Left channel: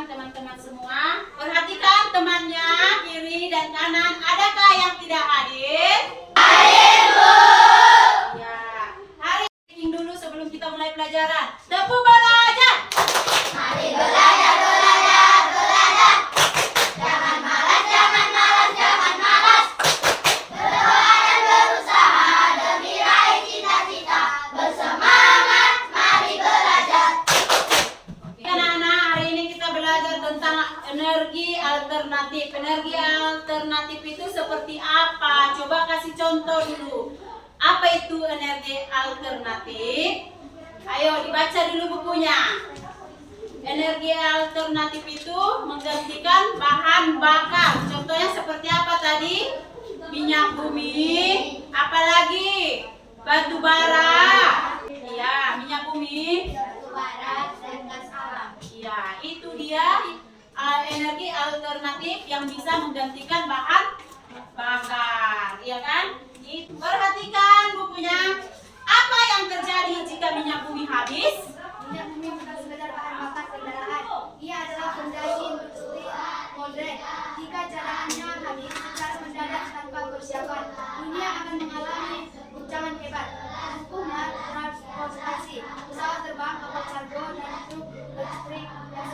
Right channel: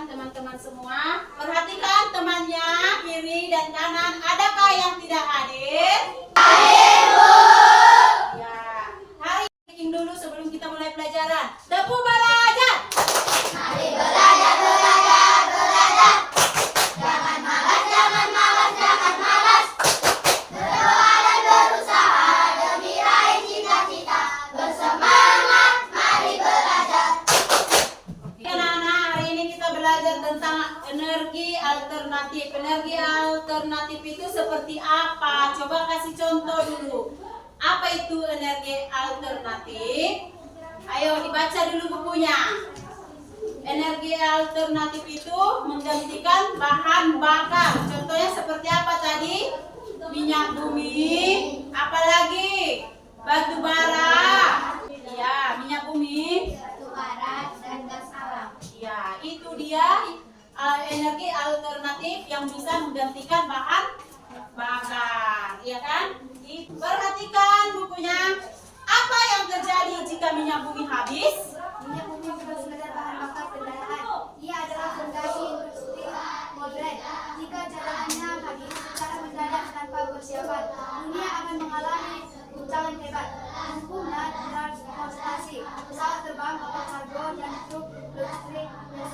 perhatikan teman-teman semua. Perhatikan temannya kiri dan kanan. Adakah yang tidak hadir? Hadir, Bu. Ya. Hari ini dulu sebelum kita mulai pelajaran. Tepu belajar. Mari belajar, belajar, belajar. Jangan malas, jangan malas, jangan malas. Berdoa dan berusaha demi raih cita-cita. Bersemangat, mari belajar. Anak-anak, hari ini kita belajar tentang energi alternatif. Energi alternatif itu seperti apa? Coba kasih contoh dulu. Apa itu energi alternatif? Ayo dibaca dulu bukunya. Energi alternatif itu menggantikan bahan bakar. Contohnya seperti apa tadi? Minyak bumi, apalagi? Batu bara. Iya, minyak bumi, batu bara, dan gas alam. Ya, itu dia energi alternatif yang bisa menggantikan bahan bakar, ya kan? Perhatikan bukunya. Apa yang terjadi jika minyak bumi habis? Minyak bumi bukan sekedar bahan bakar kendaraan. Ia adalah fondasi industri modern. Jika cadangannya habis secara mendadak tanpa persiapan, dunia akan mengalami guncangan hebat. Hukumnya transportasi, pesawat terbang, kapal kargo, dan truk listrik yang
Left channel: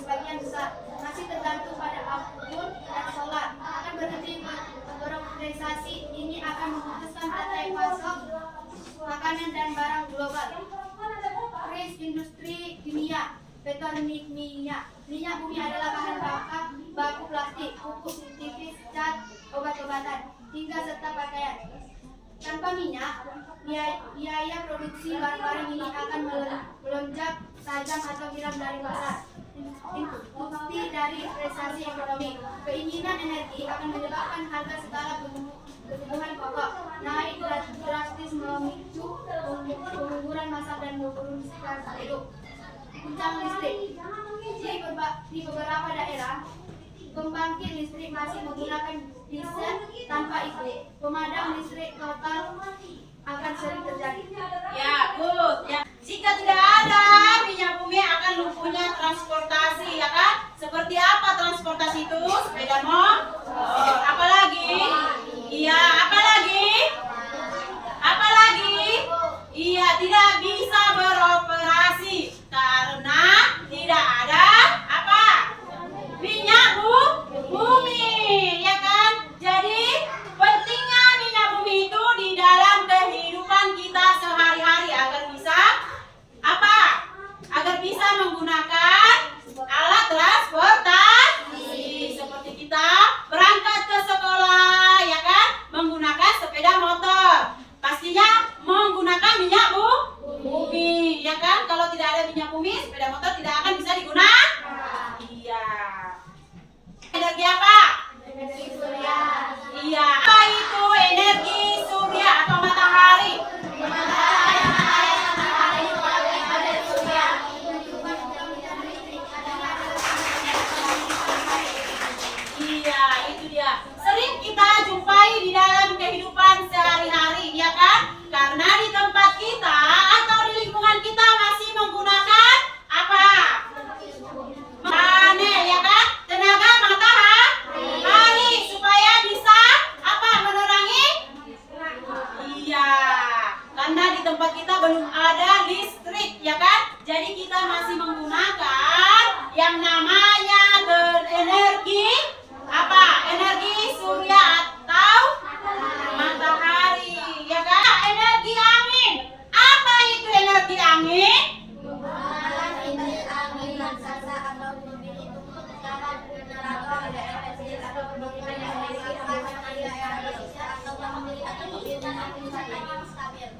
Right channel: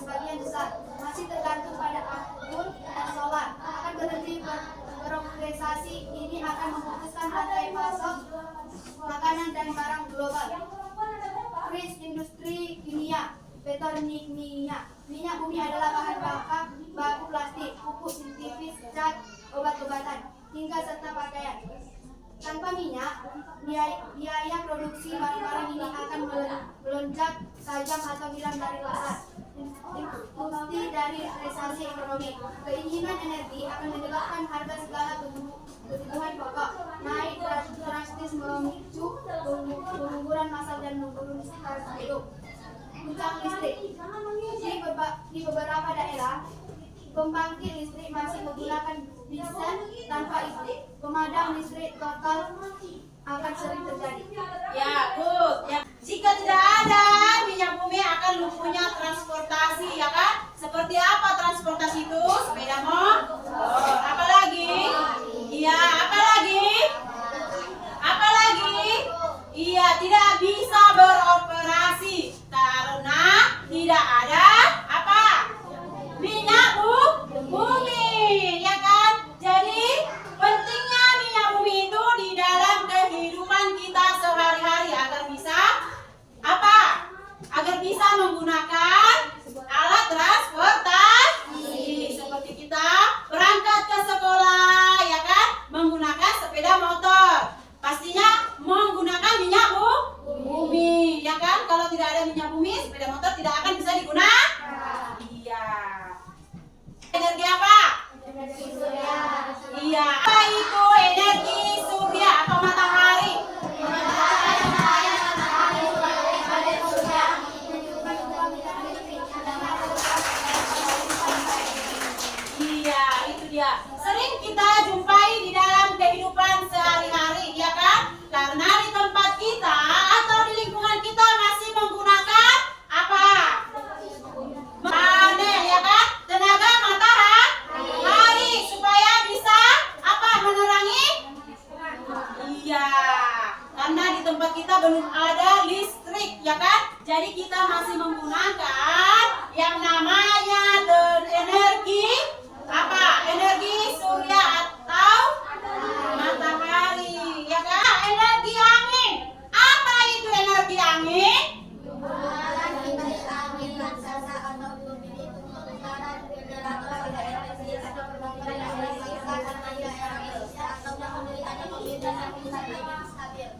sebagian besar masih tergantung pada angin dan solar akan berhenti beroperasi. Ini akan memutuskan rantai pasok makanan dan barang global. Krisis industri kimia, petronikimia. Minyak bumi adalah bahan bakar baku plastik, pupuk sintetis, cat, obat-obatan, hingga serta pakaian. Tanpa minyak, biaya produksi barang-barang ini akan melonjak tajam atau hilang dari pasar. Bukti dari resesi ekonomi, keinginan energi akan menyebabkan harga segala kebutuhan pokok naik drastis, memicu pengangguran massal dan menurunkan hidup. Guncangan listrik. Di beberapa daerah, pembangkit listrik masih menggunakan diesel tanpa listrik. Pemadam listrik total akan sering terjadi. Ya, good. Ya. Jika tidak ada minyak bumi akan lumpuhnya transportasi, ya kan? Seperti apa transportasi itu? Sepeda motor. Apalagi? Iya, apalagi? Apalagi? Iya, tidak bisa beroperasi karena tidak ada apa? Minyak bumi, ya kan? Jadi pentingnya minyak bumi itu di dalam kehidupan kita sehari-hari agar bisa apa? Agar bisa menggunakan alat transportasi seperti kita berangkat ke sekolah, ya kan? Menggunakan sepeda motor. Pastinya menggunakan minyak bumi, ya kan? Kalau tidak ada minyak bumi, sepeda motor tidak akan bisa digunakan. Iya. Energi apa? Energi surya. Iya. Apa itu energi surya atau matahari? Iya, itu dia. Sering kita jumpai di dalam kehidupan sehari-hari, ya kan? Karena di tempat kita atau di lingkungan kita masih menggunakan apa? Panel, ya kan? Tenaga matahari supaya bisa apa? Menerangi? Iya. Karena di tempat kita belum ada listrik, ya kan? Jadi kita masih menggunakan yang namanya energi apa? Energi surya atau matahari, ya kan? Energi angin. Apa itu energi angin?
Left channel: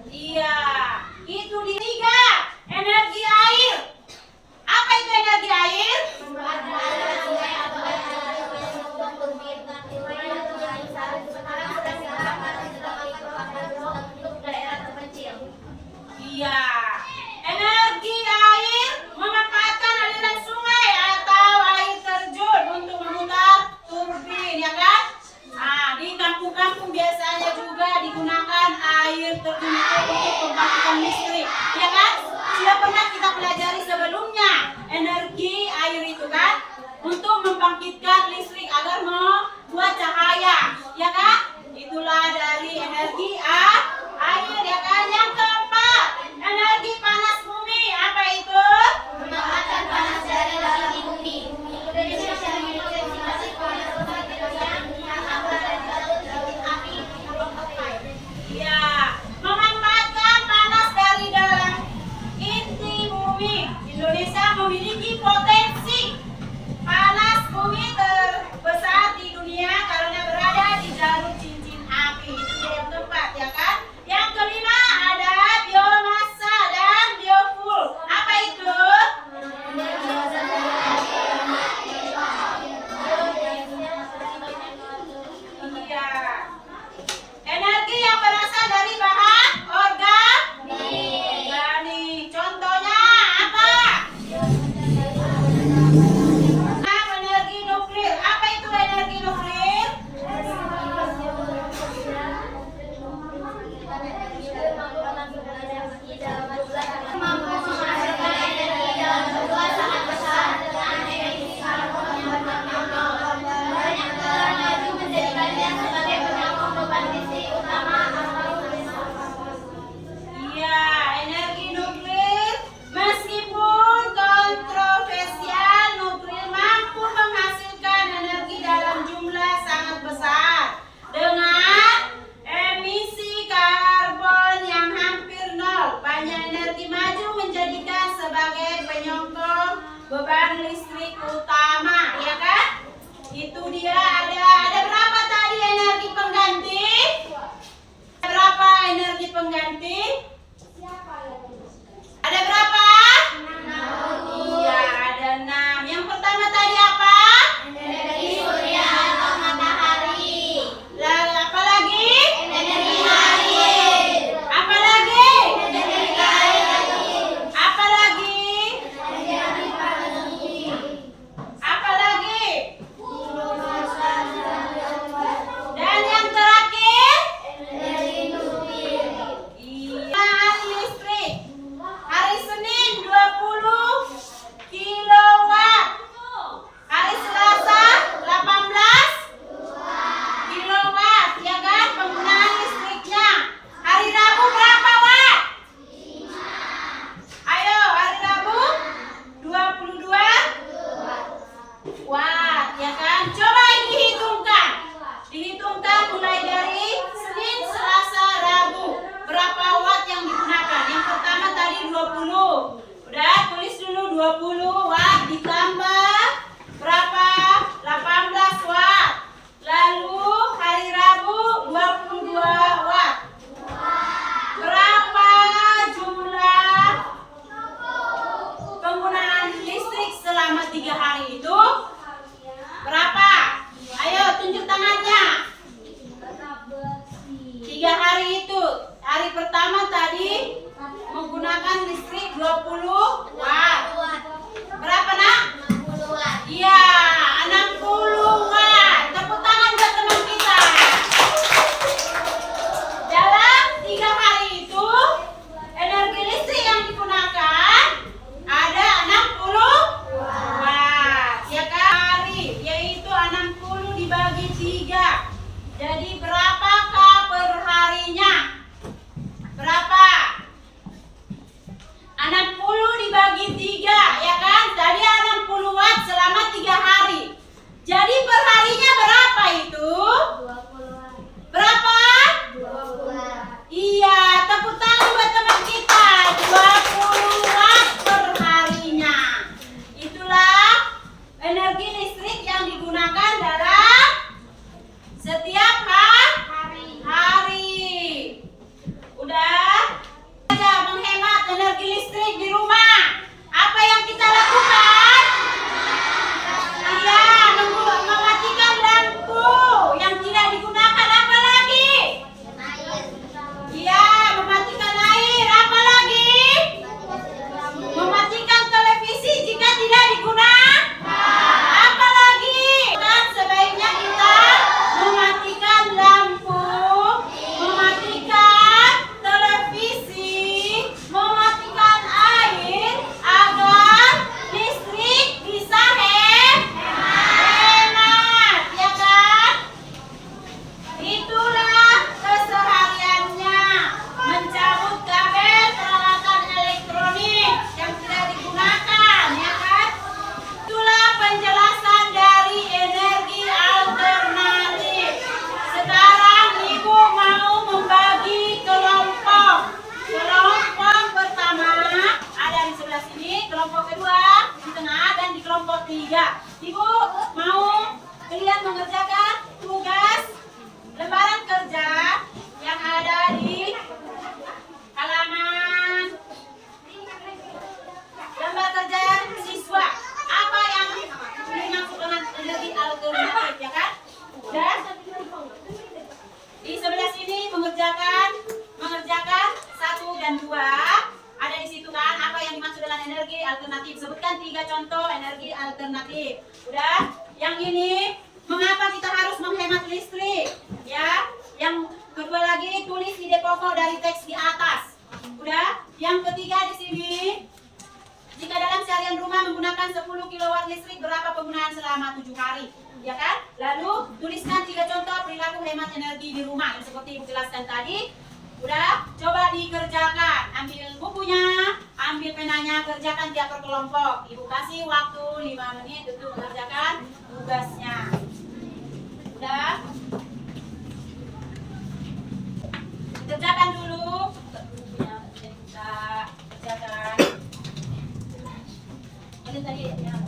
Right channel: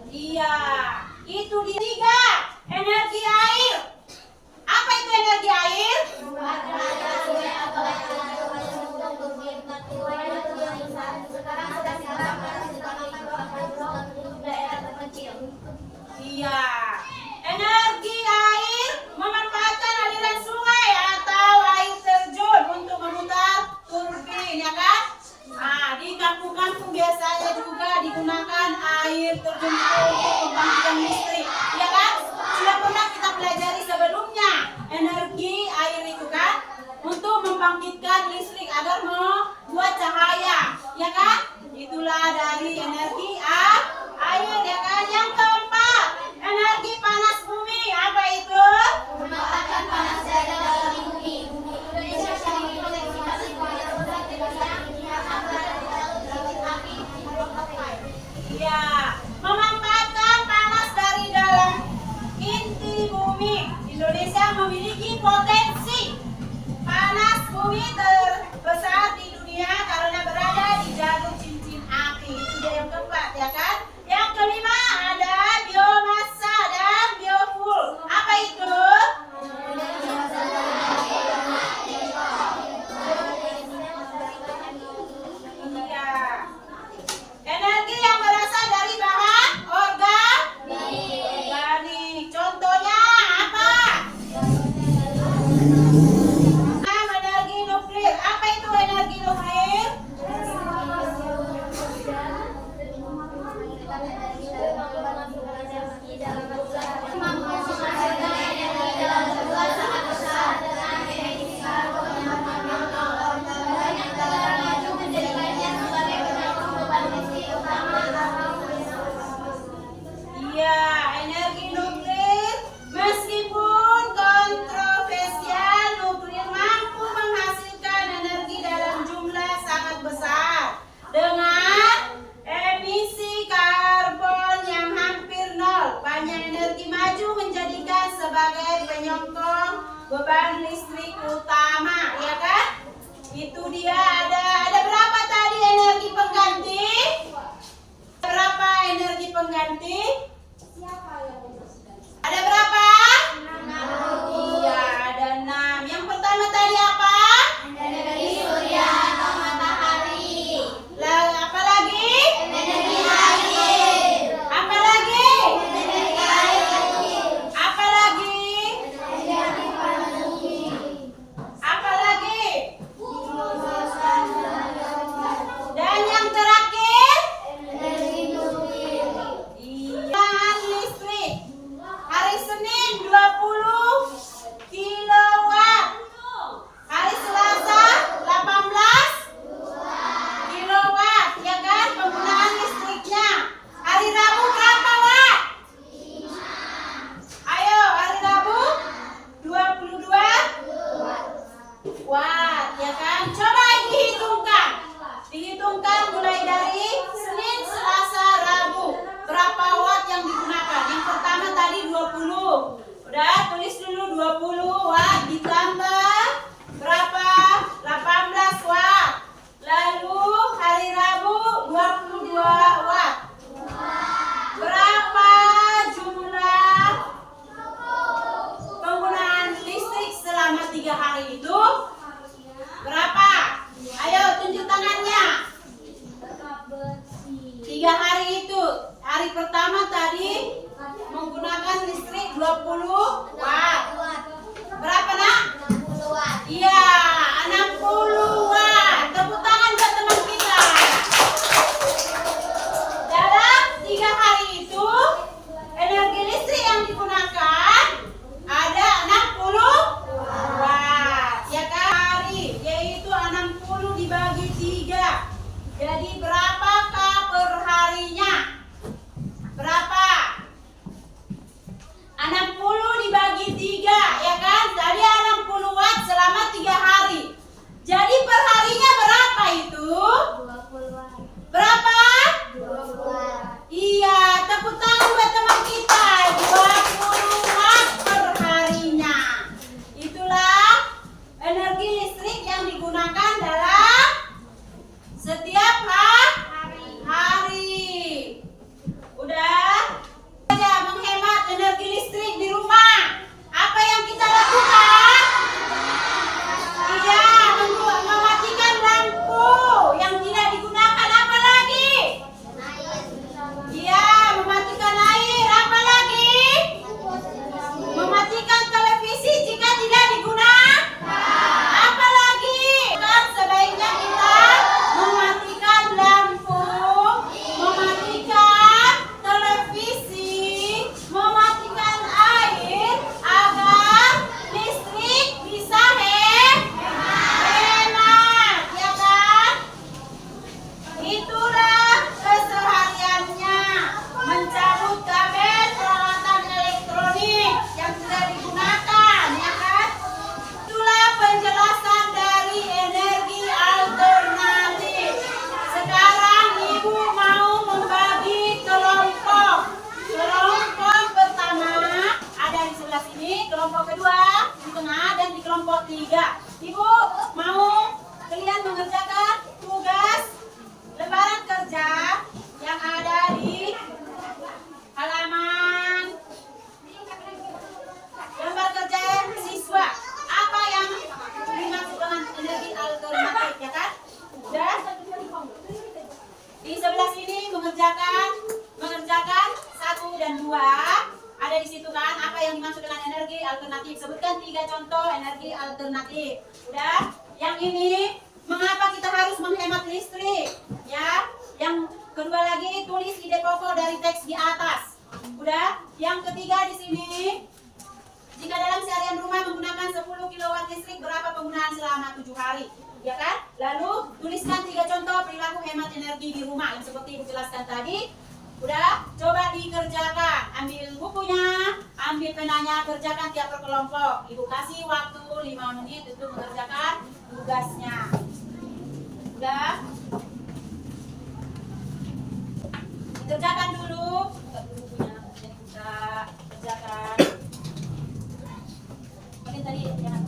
Iya, itu tiga. Energi air. Apa itu energi air? Iya. Energi air memanfaatkan aliran sungai atau air terjun untuk memutar turbin, ya kan? Nah, di kampung-kampung biasanya juga digunakan air terjun untuk pembangkitan listrik, ya kan? Sudah pernah kita pelajari sebelumnya energi air itu kan? membangkitkan listrik agar membuat cahaya, ya kan? Itulah dari energi air, ya kan? Yang keempat, energi panas bumi. Apa itu? Memanfaatkan panas dari dalam bumi. Indonesia memiliki destinasi panas yang akan berada di dalam titik api Hawaii. Iya, memanfaatkan panas dari dalam inti bumi. Indonesia memiliki potensi panas bumi terbesar di dunia karena berada di jalur cincin api. Itu dia yang keempat, ya kan? Yang kelima ada biomasa dan biofuel. Apa itu? Iya. Energi yang berasal dari bahan organik. Contohnya apa? Energi nuklir. Apa itu energi nuklir? Iya, energi nuklir meskipun kontroversial, nuklir mampu menghasilkan energi dalam jumlah sangat besar dengan emisi karbon yang hampir nol. Banyak energi maju menjadikan sebagai penyokong beban listrik utama, ya kan? Itu dia ada berapa tadi energi pengganti? Berapa energi pengganti? Ada berapa? Iya, ada 6. Yang pertama tadi apa? Energi surya atau matahari. Lalu apa lagi? Energi air. Apa lagi? Energi air. Apa lagi? Energi panas bumi. Apa lagi? Dan yang terakhir? Energi nuklir. Iya, listrik. Hari Senin 20 kilowatt. Hari Selasa 18 kilowatt, ya kan? Penggunaan listriknya. Hari Rabu berapa watt? Ayo, hari Rabu 22 watt, ya kan? Coba dihitungkan. Dihitungkan mulai dari Senin, Selasa, Rabu. Berapa watt yang digunakan? Yang pertama tadi 20. Udah, tulis dulu 20 watt ditambah berapa? 18 watt. Lalu hari Rabu 22 watt. Berapa jumlah penggunaan listrik selama 3 hari itu? Berapa? Ayo tunjuk tangannya. 3 hari itu. Hari pertama tadi menggunakan listrik 20 watt. Berapa nak? 60 watt. Iya, 60 watt. Tepuk tangan buat teman kita. Dalam 3 hari itu, energi listrik yang digunakan ada 60 watt. Ya kan? Hari, yaitu 60 dibagi 3. Jadi berapakah perharinya? Berapa? 60 dibagi contoh energi alternatif. Udah? Yang ini mengapa kita harus menghemat listrik? Ya. Yang kedua lagi tulis ide pokok dari teks di atas. Udah? Yang ketiga di sini, jika dalam seharian rumah menggunakan 10 kW listrik, berapa penggunaan selama 7 hari? Ya kan? Lalu tuliskan 3 contoh perilaku hemat energi di rumah yang seperti Ibu jelaskan tadi. Udah? Coba dikerjakan. Ambil bukunya, ambil penanya, kerjakan tiap per kelompok. Ibu kasih waktu 5 menit untuk mengerjakan tugasnya. Udah? Kerjakan dulu. Buka dulu bukunya, jadi kita kerjakan. Ini tadi ya.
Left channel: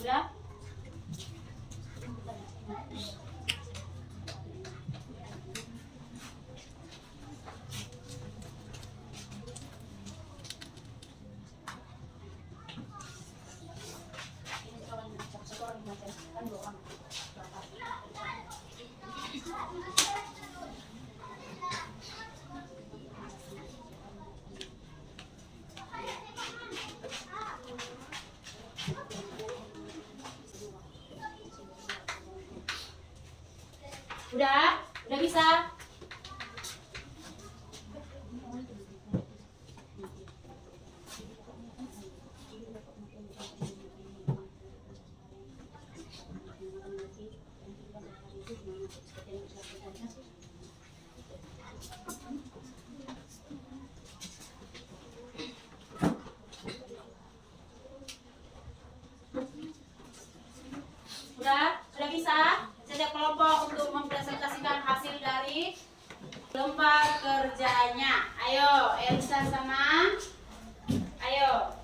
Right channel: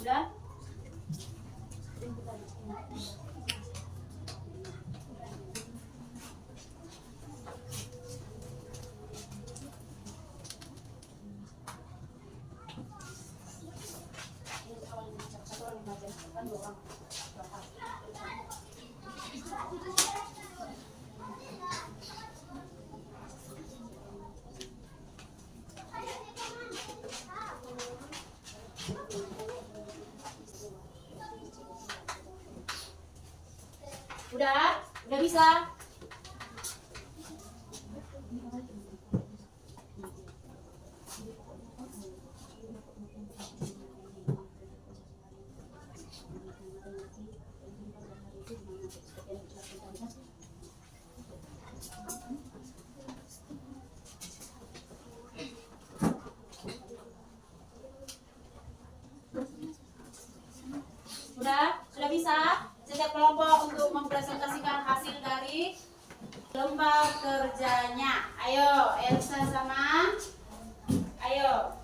Udah? Udah? Udah bisa? Sudah bisa? Setiap kelompok untuk mempresentasikan hasil dari lomba kerjanya. Ayo, Elsa sama. Ayo,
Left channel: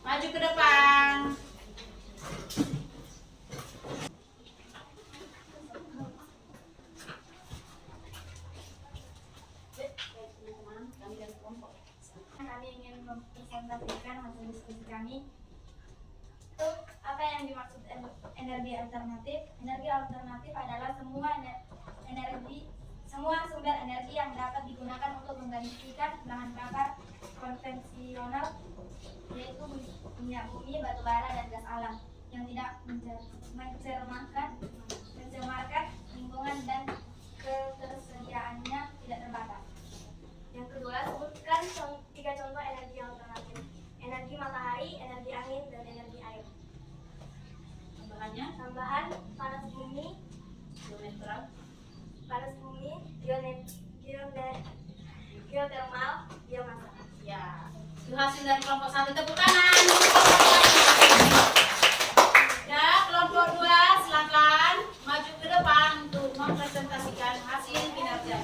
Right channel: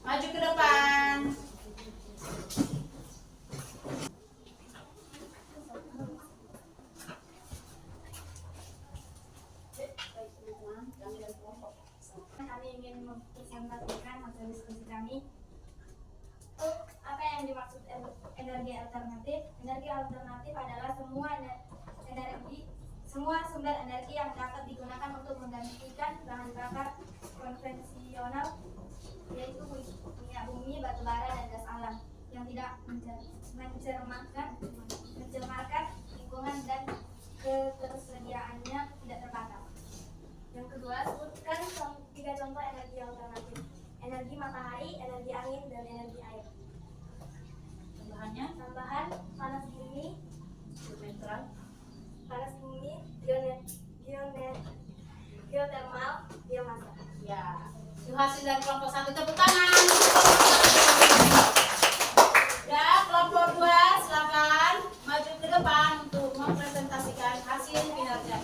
maju ke depan. Kami ingin mempresentasikan hasil diskusi kami. Apa yang dimaksud energi alternatif? Energi alternatif adalah semua sumber energi yang dapat digunakan untuk menggantikan bahan bakar konvensional, yaitu minyak bumi, batu bara, dan gas alam yang tidak mencemarkan lingkungan dan ketersediaannya tidak terbatas. Yang kedua, sebutkan 3 contoh energi alternatif: energi matahari, energi angin, dan energi air. Tambahan panas bumi, geotermal, biomasa. Ya, itu hasil dari kelompok 1. Tepuk tangan. Ya, kelompok 2 silakan maju ke depan untuk mempresentasikan hasil kinerja.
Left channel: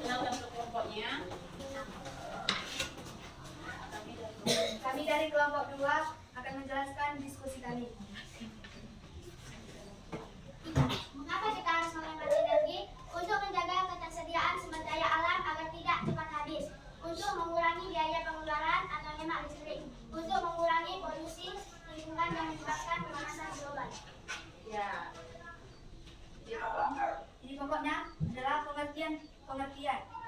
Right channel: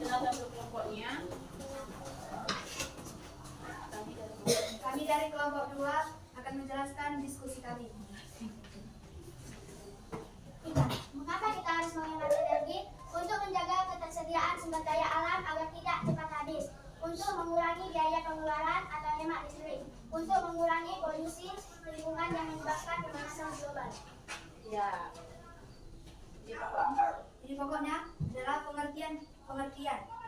Kenalkan untuk kelompoknya. Kami dari kelompok 2 akan menjelaskan diskusi kami. Mengapa kita harus menghemat energi? Untuk menjaga ketersediaan sumber daya alam agar tidak cepat habis, untuk mengurangi biaya pengeluaran atau hemat listrik, untuk mengurangi polusi lingkungan yang menyebabkan pemanasan global. Ya. Ini pokoknya adalah pengertian.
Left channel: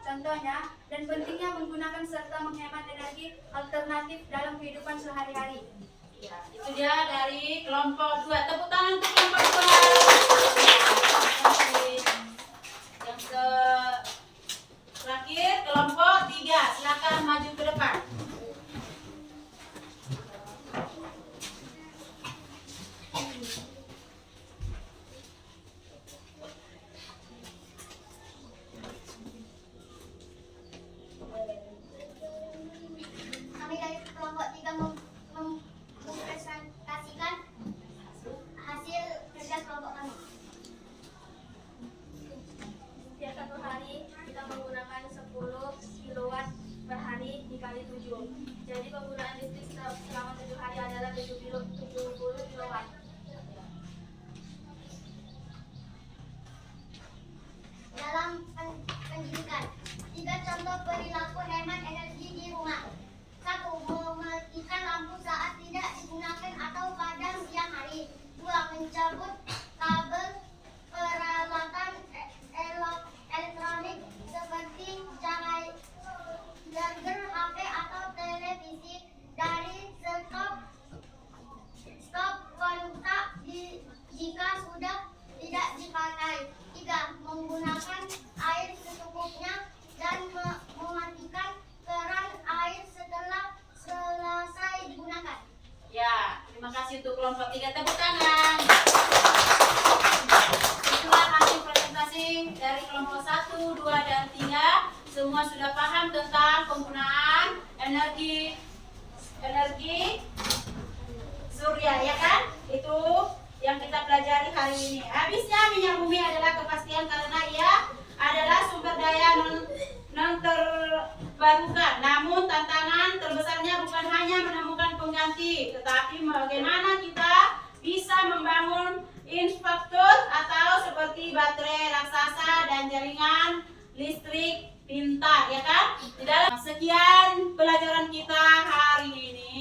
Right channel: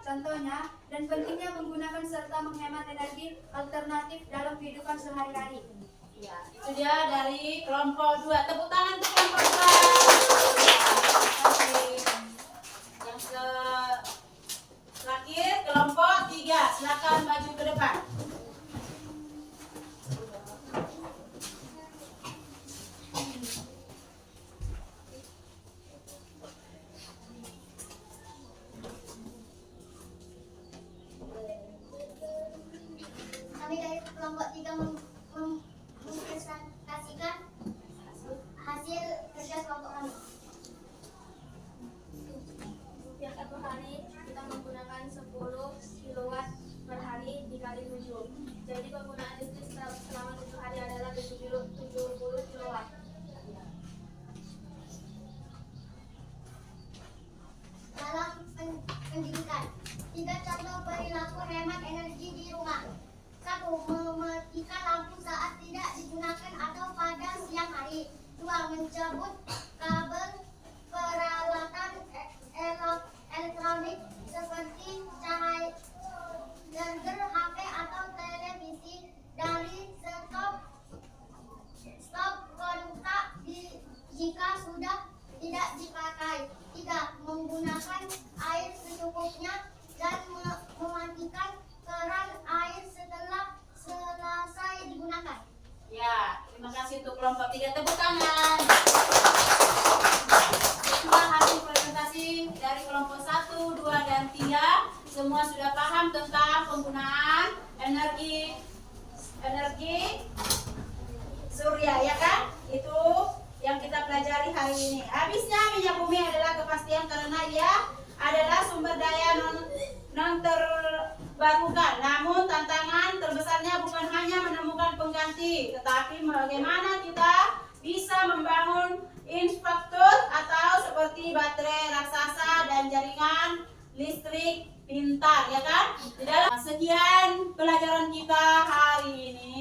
Contohnya dan pentingnya menggunakan serta menghemat energi alternatif dalam kehidupan sehari-hari. Ya, itu dia dari kelompok 2. Tepuk tangan untuk kelompok 2. Yang dicabut kabel peralatan elektronik seperti cahaya charger HP atau televisi dari stop kontak jika sudah tidak dipakai. 3. Menggunakan air secukupnya dan mematikan keran air setelah selesai digunakan. Ya, terima kasih untuk kelompok 3, tepuk tangan. Setelah hasil presentasi dari kelompok 1, 2, dan 3, semua sudah paham tentang penggunaan energi surya, ya kan? Itu yang kita pelajari hari ini. Habisnya minyak bumi adalah kepastian karena ia adalah sumber daya non terbarukan. Namun tantangan terbesarnya bukan hanya menemukan pengganti, tetapi bagaimana kita bisa membangun infrastruktur atau seperti baterai raksasa dan jaringan listrik pintar, ya kan? Di dalam sekian pelajaran kita hari ini.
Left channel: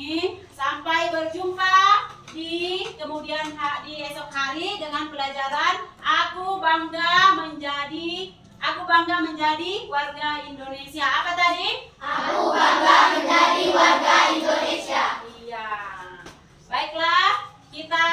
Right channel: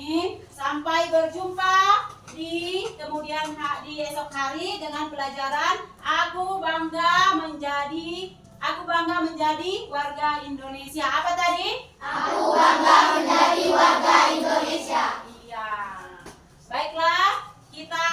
Sampai berjumpa di esok hari dengan pelajaran Aku bangga menjadi warga Indonesia. Apa tadi? Aku bangga menjadi warga Indonesia. Iya. Baiklah, kita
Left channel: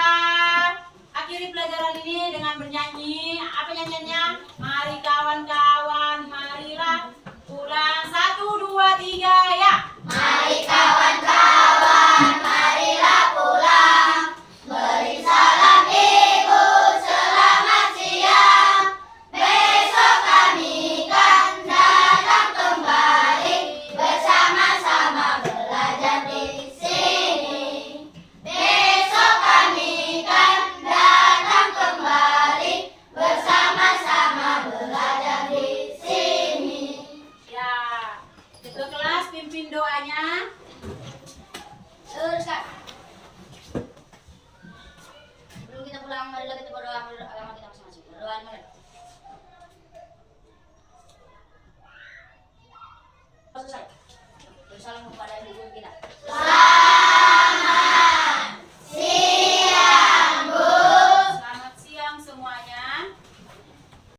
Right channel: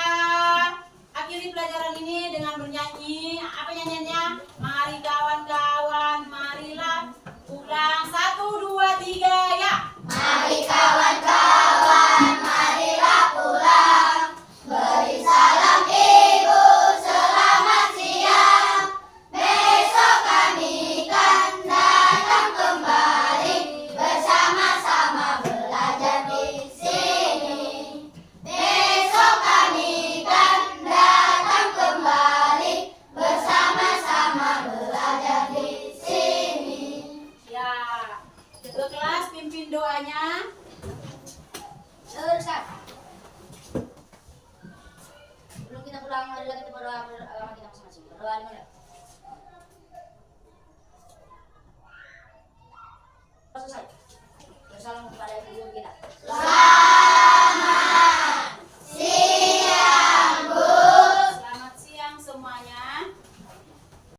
akhiri pelajaran ini dengan bernyanyi. Apa nyanyiannya? Mari kawan-kawan, marilah ulang 1, 2, 3 ya. Mari kawan-kawan, marilah pulang. Beri salam ibu, selamat siang. Besok kami kan datang kembali, bersama-sama belajar di sini. Besok kami kan datang kembali, bersama-sama belajar di sini. Ya. Ketua kelas pimpin doanya. Ustaz, sebelum kita pulang, marilah kita berdoa agama kita masing-masing. Berdoa mulai. Selesai. Bersalam kepada ibu kita. Siang, Bu. Selamat siang semuanya.